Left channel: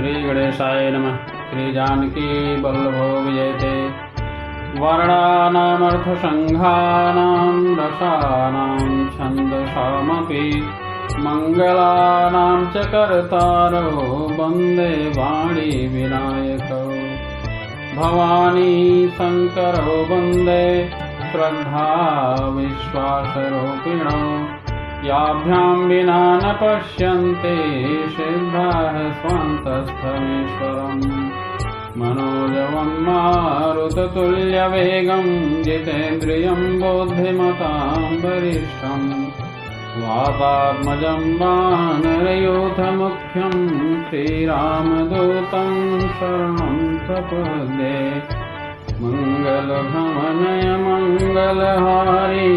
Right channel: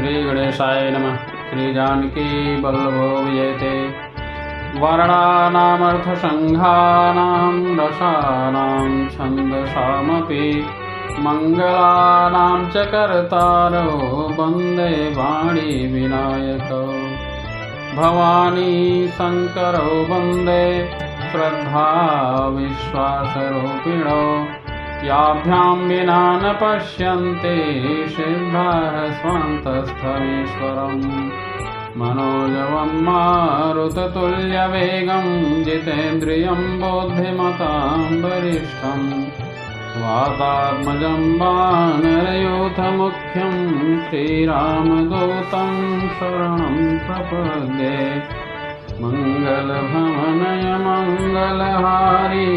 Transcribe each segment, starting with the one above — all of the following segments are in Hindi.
श्री गणेशाय नमः। श्री जानकी वल्लभो विजयते। वर्णानामर्थसंघानां रसानां छन्दसामपि मङ्गलानां च कर्तारो वन्दे वाणी विनायकौ। भवानी शङ्करो वन्दे श्रद्धा विश्वासरूपिणो। याभ्यां विना न पश्यन्ते सिद्धाः स्वान्तस्थमीश्वरम्। मनोजवं मारुततुल्यवेगं जितेन्द्रियं बुद्धिमतां वरिष्ठं। वातात्मजं वानरयूथमुख्यं श्रीरामदूतं शरणं प्रपद्ये। मङ्गलभवनय मङ्गलहारी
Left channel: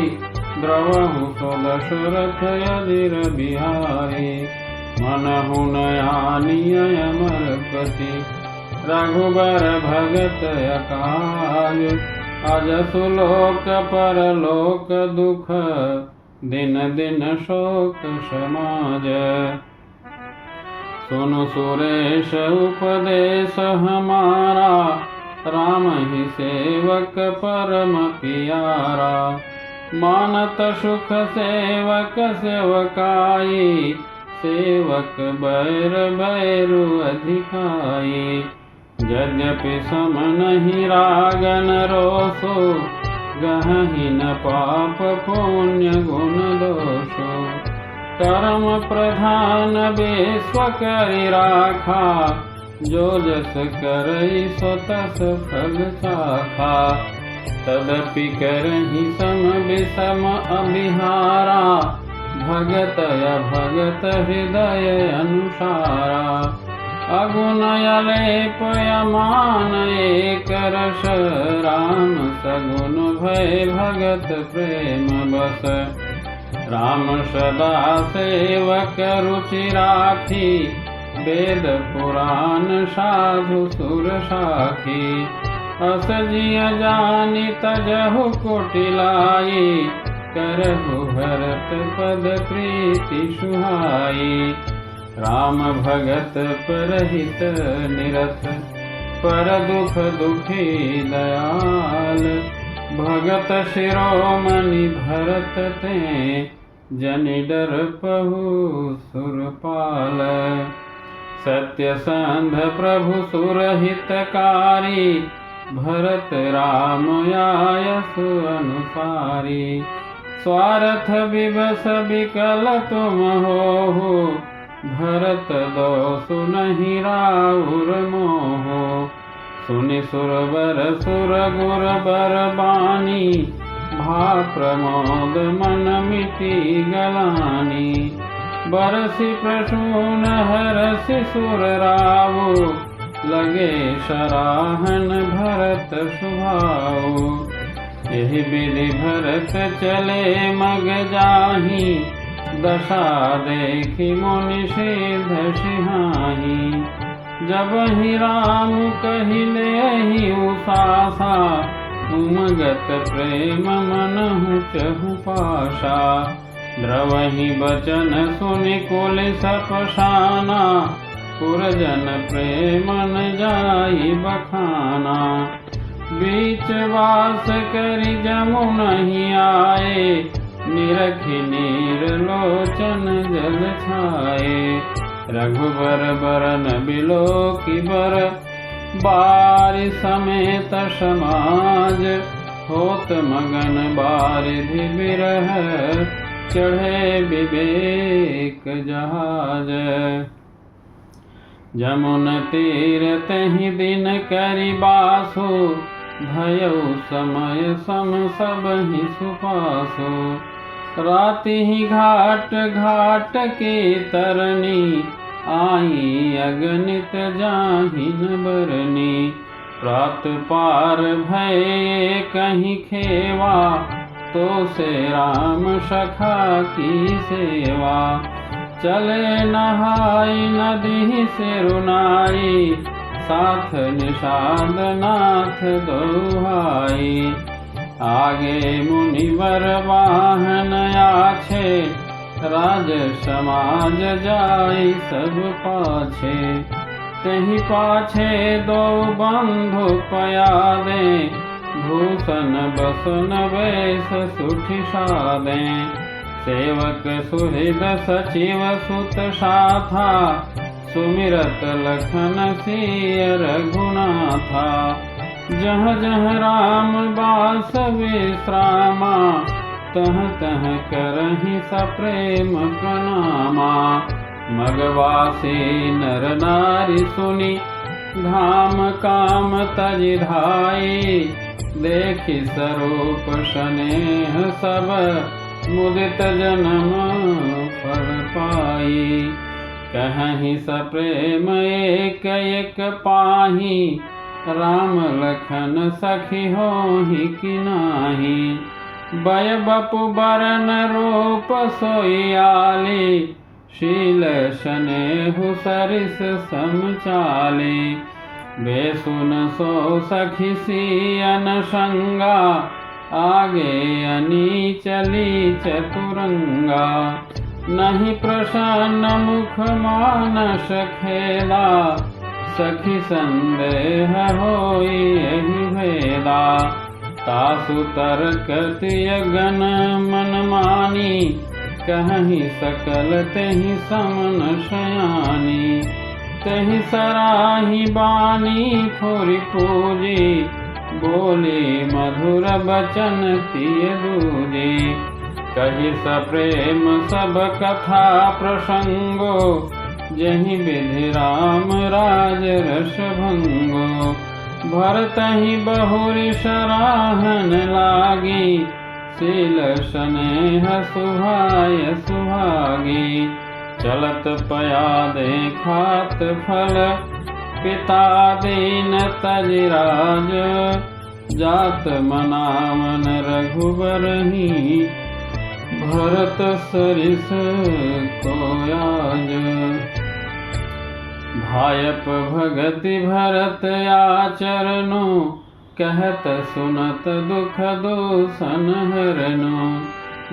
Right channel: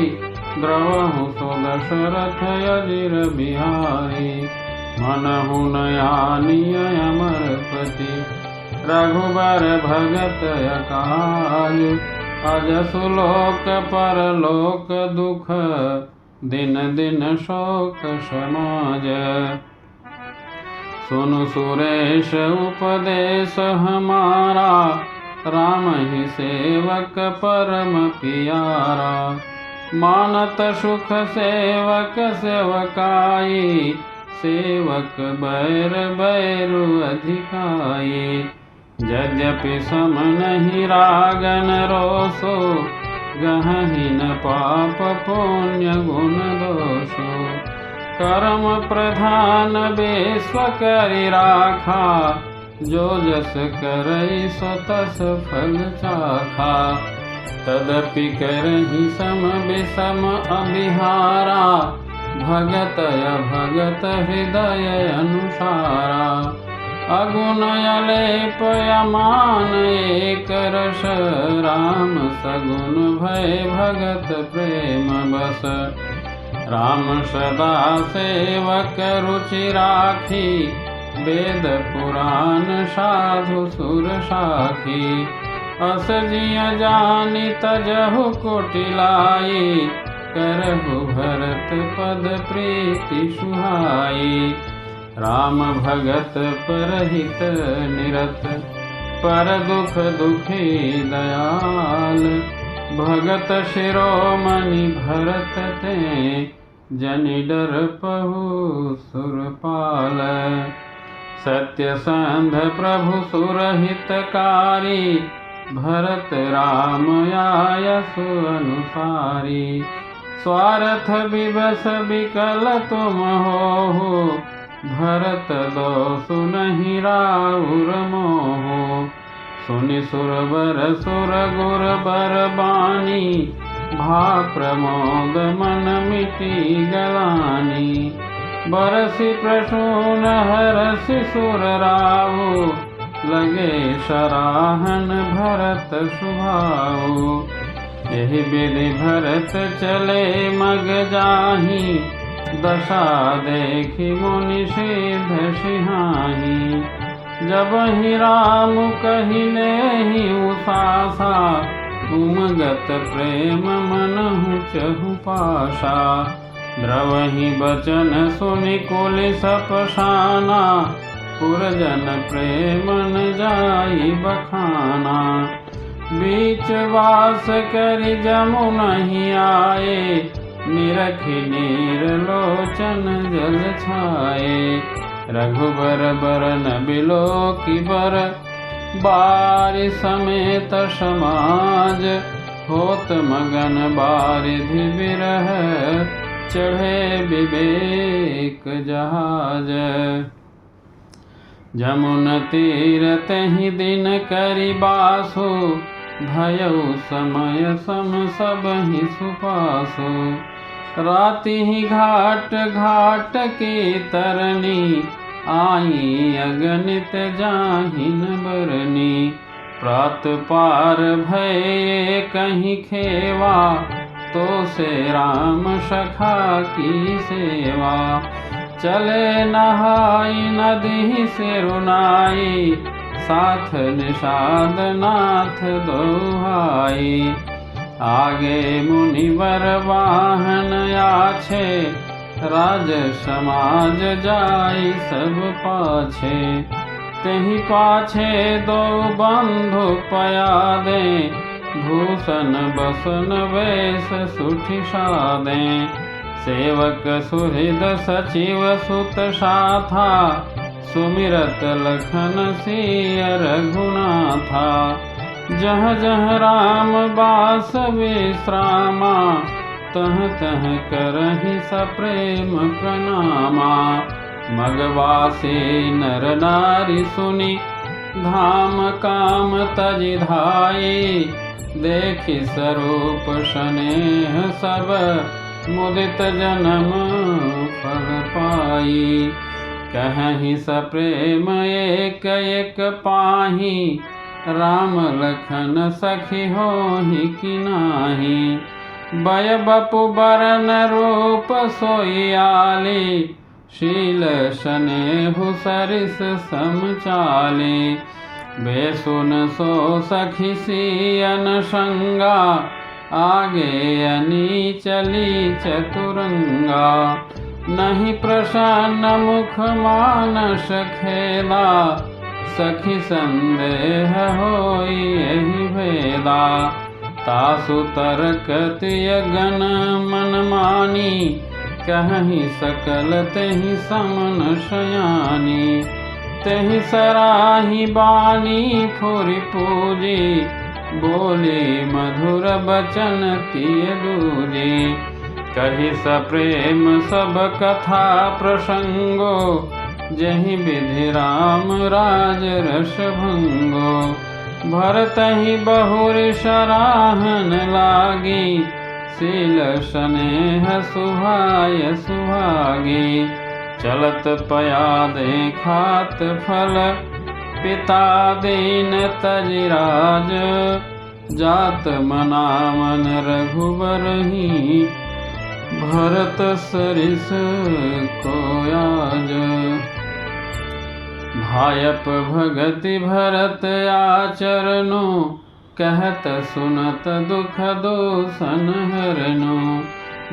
द्रवहु सुदशरथयजिरबिहारी। मनहु नयानिय अमरपति रघुबर भगत अकाल। अजसु लोक परलोक दुख दिन दिन शोक समाज। सुनु सुरेश उपदेश हमारा राम ही सेवक परम पियारा। मानत सुख सेवक सेवकाई सेवक बैर बैरु अधिकाई। यद्यपि सम नहीं रागन रोसो गहहि न पाप पुण्य गुण दोषो। कर्म प्रधान विश्व करि राखा जो जस करई सो तस फल चाखा। तदपि करहि सम विषम अभिहारा भगत अभगत हृदय अनुसारा। अगुण अलेप अमान एक रस राम सगुण भय भगत प्रेम बस। राम सदा सेवक रुचि राखी वेद पुराण साधु सुर साखी। अस जिय जानि तजहु कोटिलाई करहु भरत पद प्रीति सुहाई। राम भगत परहित निरत पर दुख दुखी दयाल। भगत शिरोमणि भरत ते जनि डर पहु सुरपाल। सत्यसंध प्रभु सुरहितकारी भरत राम आयसु अनुसारी। स्वार्थ विवश विकल तुम हो भरत दोषु नहीं राउर मोहो। सुनि सुरवर सुर गुर बर बानी भा प्रमोद मन मिटी गलानी। बरसि प्रसून हरसि सुर रावो लगे सराहन भरत सुभाओ। यही विधि भरत चले मग जाहि दशा देखि मुनि सिद्ध सिहाहि। जब ही राम कहिले ही उसासा उमगत प्रेम मनहु चहु पासा। द्रवहि बचन सुनि कुलिस पसाना पुरजन प्रेम न जाई बखाना। बीच वास करि जमु नहीं आए निरखि नीर लोचन जल छाए। रघुबर बरन बिलोकि बर बारि समेत समाज। होत मगन बारिधि बिरह चढ़े विवेक जहाज। जमुन तीर तहि दिन करि बासो भयउ समय सम सबहि सुपासो। राति ही घाट घाट की तरनी आई अगणित जाहिन बरनी। प्रात पार भय कहीं खेवा तो से राम सखा की सेवा। चले नहाई नदी से रुनाई साथ निषाद नाथ दोहाई। आगे मुनिवर वाहन आछे राज समाज जाई सब पाछे। तेहि पाछे दो बंधु पयादे, भूषण बसन वेश सुठि सादे। सेवक सुहृद सचिव सुत साथा, सुमिरत लखन सिय रघुनाथा। जह जह राम बास विश्रामा, तह तह करहि सप्रेम प्रणामा। मगवासी नर नारी सुनि, धाम काम तजि धाई। देखि स्वरूप स्नेह सब, मुदित जन्म फल पाई। कहीं सप्रेम एक एक पाही, राम लखन सखी होहि कि नाही। बय बपु बरन रूप सोयाली, शील स्नेहु सरिस समचाली। बेसुन सो सखी सियन संगा, आगे अनी चली चतुरंगा। नहीं प्रसन्न मुख मानस खेदा, सखी संदेह होई यही भेदा। तासु तर्कतिय गण मन मानी, कहीं सकल तेहि समन शयानी। तेहि सराही बानी फुरि पूजी, बोले मधुर बचन तिय दूजे। कहि सप्रेम सब कथा प्रसंगो, जहि विधि राम राज रस भंगो। भरतहि बहुरि सराहन लागी, शील स्नेह सुहाय सुहागी। चलत पयादे खात फल, पिता दीन तजि राज। जात मना मन रघुबरहि, भरत सरिस कोयाज। भायप भगति भरत आचरनु, कहत सुनत दुख दूषण हरनु।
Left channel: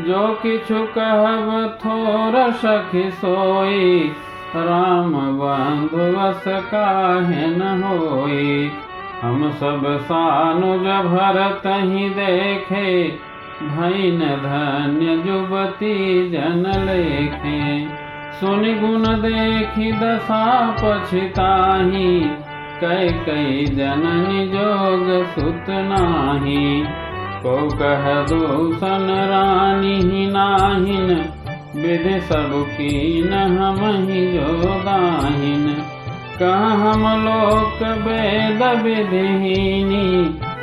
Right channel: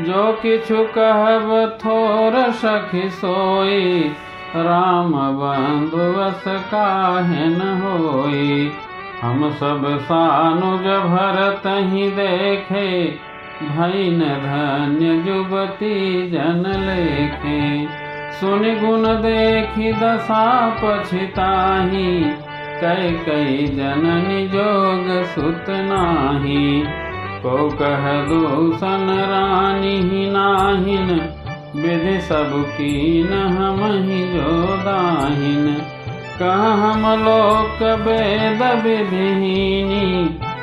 जो किछु कहब थोर सखी सोई, राम बंधु बस काहे न होई। हम सब सानुज भरतहि देखे, भईन धन्य जुबती जन लेखे। सुनि गुण देखि दशा पछिताहि, कैकेयी जननी जोग सुत नाही। को कह दूषण रानी नाहिन, विधि सब कीन हमहि जो दाहिन। कह हम लोक वेद विधिहीनी,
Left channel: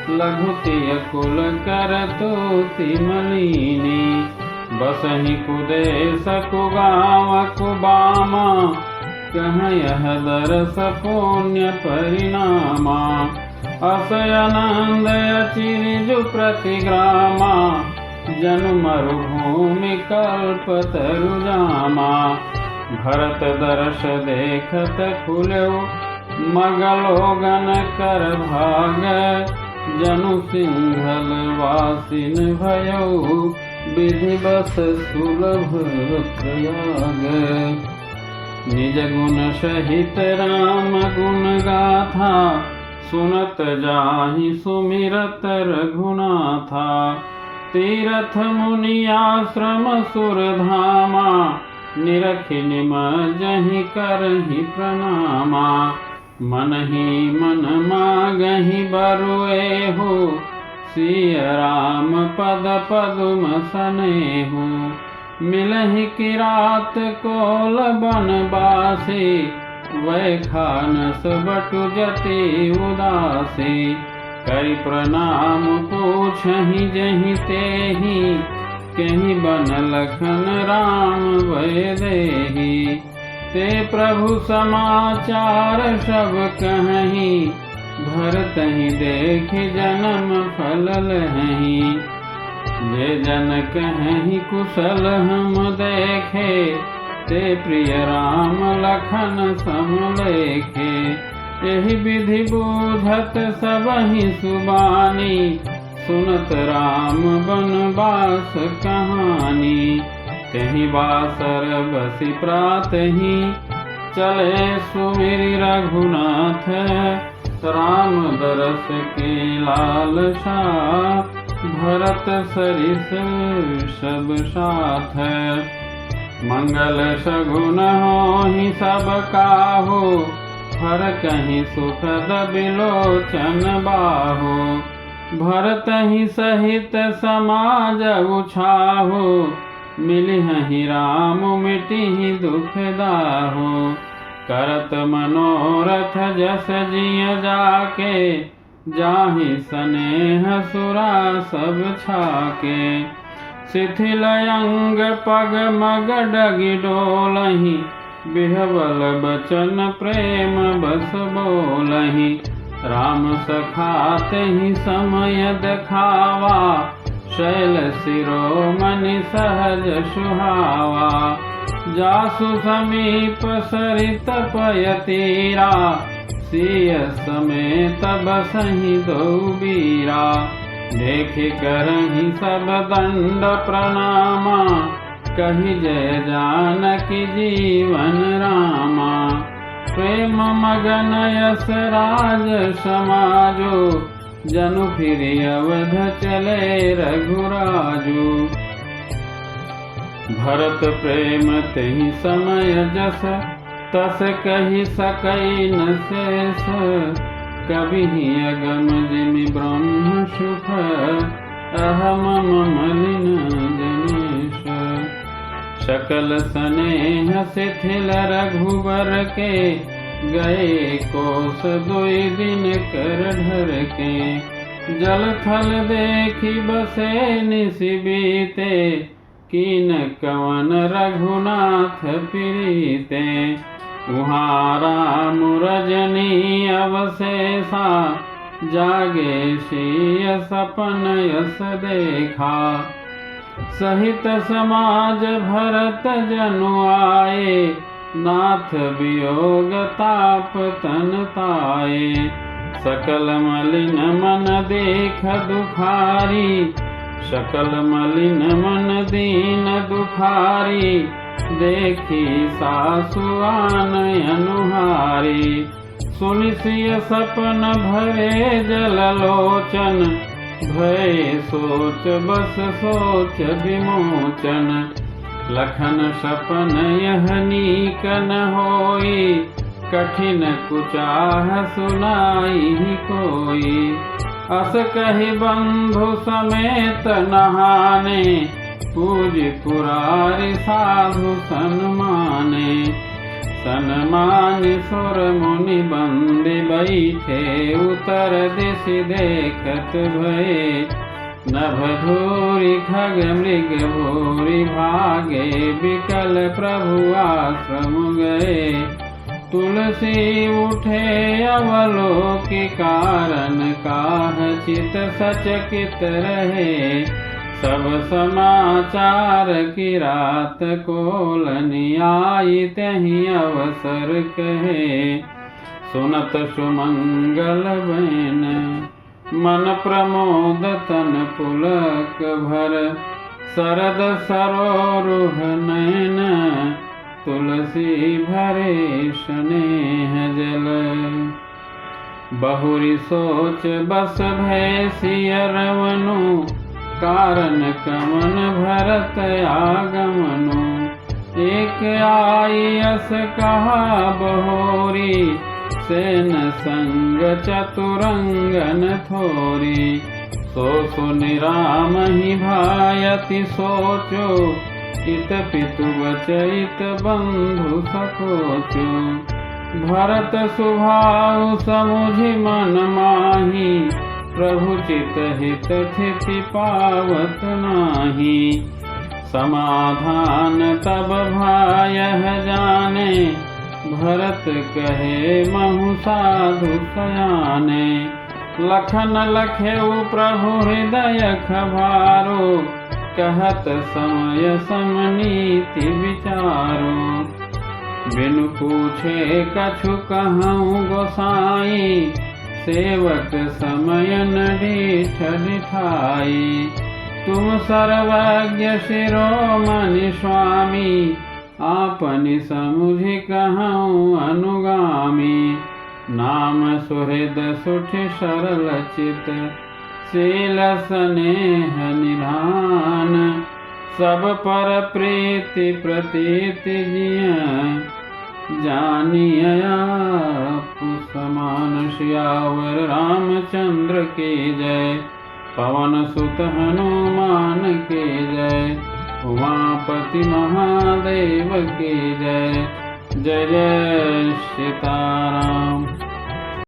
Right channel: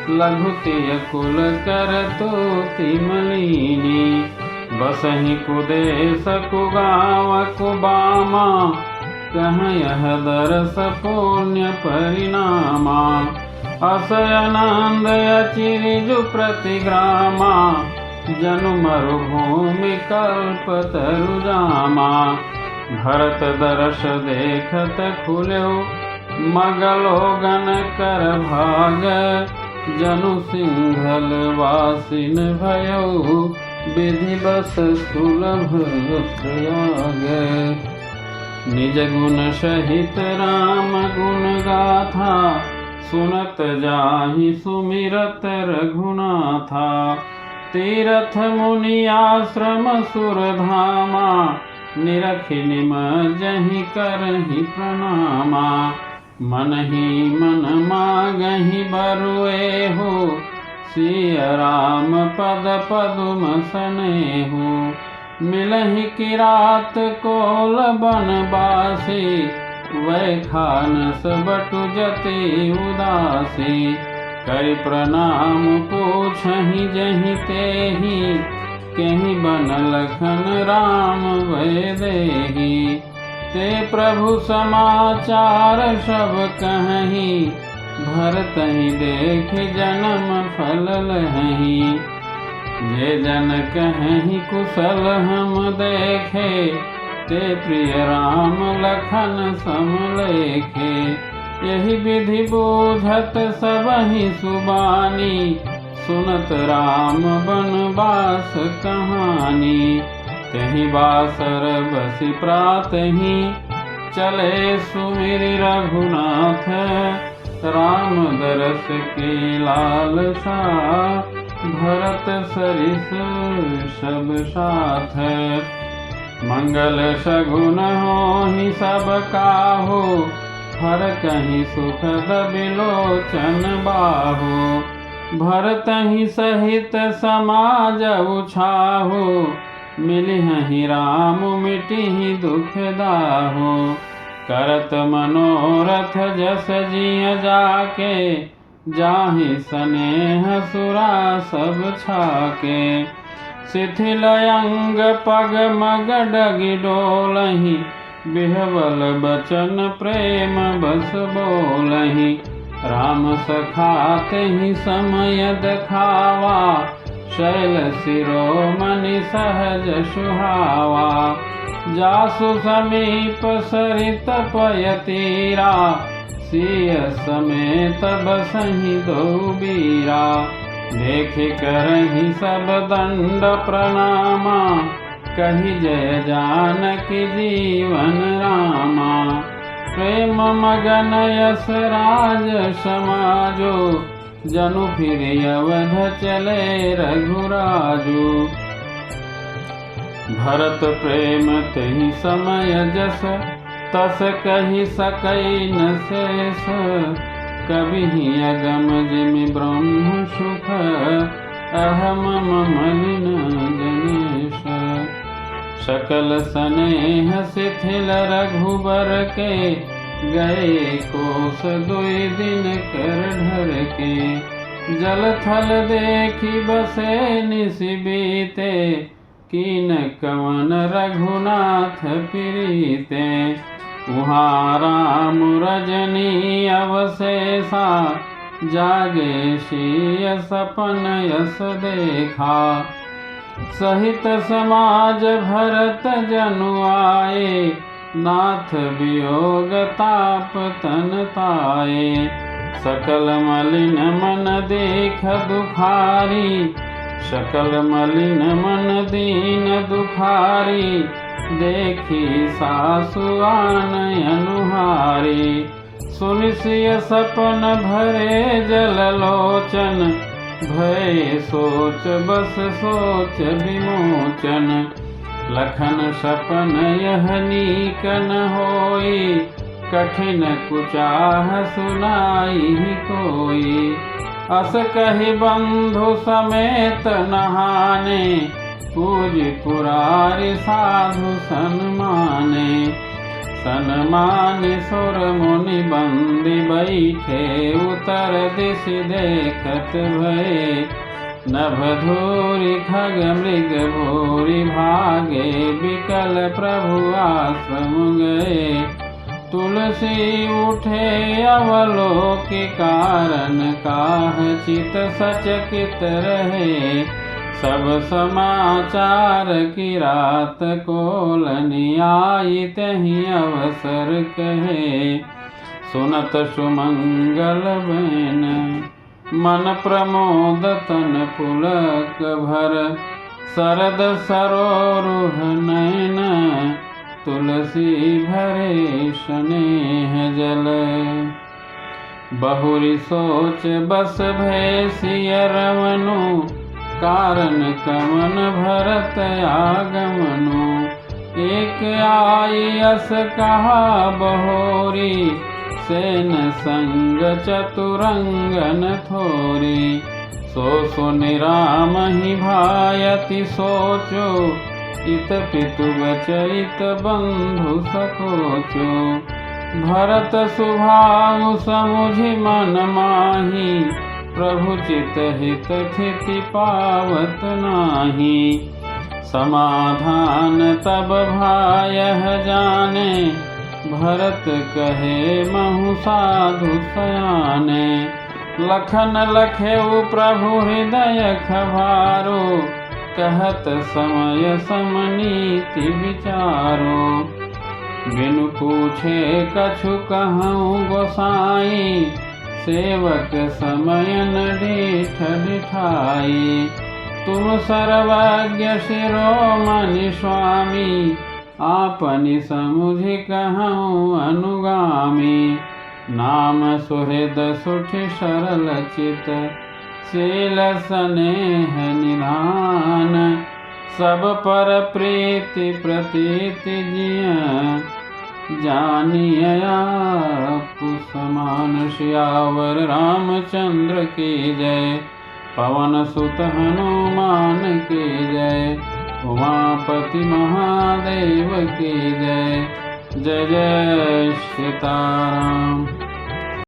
लघुतिय कुल करतुति मलिनी। बसहि कुदेश कुगाँव कुबामा, कह यह दरस पुण्य परिणामा। अस आनंद अचिरजु प्रतिग्रामा, जनु मरुभूमि कल्पतरु जामा। भरत दर्श देखत खुल्यो, मगलोगन कर भाग। जनु सिंघल वासिन भयो, विधि बस सुलभ प्रयाग। निज गुण सहित राम गुण गाथा, सुनत जाहि सुमिरत रघुनाथा। तीरथ मुनि आश्रम सुरधामा, निरखि निमज्जहि करहि प्रणामा। मन ही मन मागहि बरुएहु, सिय राम पद पदुम सनेहु। मिलहि किरात कोल बनबासी, वैखानस बटु जति उदासी। करि प्रणाम पूछहि जहि तेहि, केहि बन लखन राम वैदेही। ते प्रभु समाचार सब कहहि, भरतहि देख जन्म फल लहहि। जे जन कहहि कुशल हम देखे, ते प्रिय राम लखन सम लेखे। एहि विधि बूझत सबहि सुबानी, सुनत राम बनवास कहानी। कहीं बासर बसि प्रातहि, चले सुमिरि रघुनाथ, राम दरस की लालसा, भरत सरिस सब साथ। मंगल सगुन होहि सब काहू, हर कहीं सुखद बिलोचन बाहु। भरतहि सहित समाज उछाहु, मिलिहि राम मिटिहि दुख दाहु। करत मनोरथ जस जिय जाके, जाहि स्नेह सुरा सब छाके। शिथिल अंग पग मग डगि डोलहि, बिहवल बचन प्रेम बस बोलहि। राम सखा तेहि समय देखावा, शैल शिरोमणि सहज सुहावा। जासु समीप सरित पय तीरा, सिय समेत बसहि दो बीरा। देखि करहि सब दंड प्रणामा, कहि जय जानकी जीवन रामा। प्रेम मगन यस राज समाजो, जनु फिरि अवध चले रघुराजो। भरत प्रेम तेहि समय जस, तस कहि सकै न शेष। कबिहि अगम जिमि ब्रह्म सुख, अहम मलिन जनेश। सकल स्नेह शिथिल रघुबर के, गए कोस 2 दिन कर ढर के। जल थल देखि बसे निसि बीते, कीन कवन रघुनाथ प्रीते। उहाँ राम रजनी अवशेषा, जागे सिय सपन यस देखा। सहित समाज भरत जनु आए, नाथ वियोग ताप तन ताए। सकल मलिन मन देख दुखारी, सकल मलिन मन दीन दुखारी। देखी सासु आन अनुहारी, सुनि सिय सपन भरे जल लोचन। भय सोच बस सोच विमोचन, लखन सपन यह नीक न होई। कठिन कुचाह सुनाई कोई, अस कहि बंधु समेत नहाने। पूजि पुरारि साधु सन्माने, सन्मानि सुर मुनि बंदी बैठे। उतर दिश देखत भये, नभ धूरि खग मृग भूरि भागे। बिकल प्रभु आश्रम गए, तुलसी उठे अवलोकि। कारण काह चित सचकित रहे, सब समाचार की रात कोलनि आई। तहि अवसर कहे, सुनत सुमंगल बैन। मन प्रमोद तन पुलक भर, शरद सरोरुह नयन। तुलसी भरे स्नेह जल, बहुरि सोच बस भय सिय रवनु। कारण कमन भरत आगमनु, एक आई अस कहा बहोरी। सेन संग चतुरंगन थोरी, सो सुनि राम ही भायति सोचो। इत पितु बचैत बंधु सकोचो। भरत सुभाउ समुझि मन माही, प्रभु चित हित थिति पावत नाही। समाधान तब भायह जाने, भरत कहे महु साधु सयाने। लखन लखेउ प्रभु हृदय खभारो, कहत समय समनीति विचारो। बिनु पूछे कछु कहूँ गोसाई, सेवक समयन डीठ डिठाई। तुम सर्वज्ञ शिरोमणि स्वामी, आपनि समुझि कहूँ अनुगामी। नाम सुहृद सुठ सरल चित, शील स्नेह निधान। सब पर प्रीति प्रतीति जिय, जानिया आपु समान। सियावर रामचंद्र की जय, पवन सुत हनुमान की जय। उमापति महादेव की जय, जय जय सीताराम।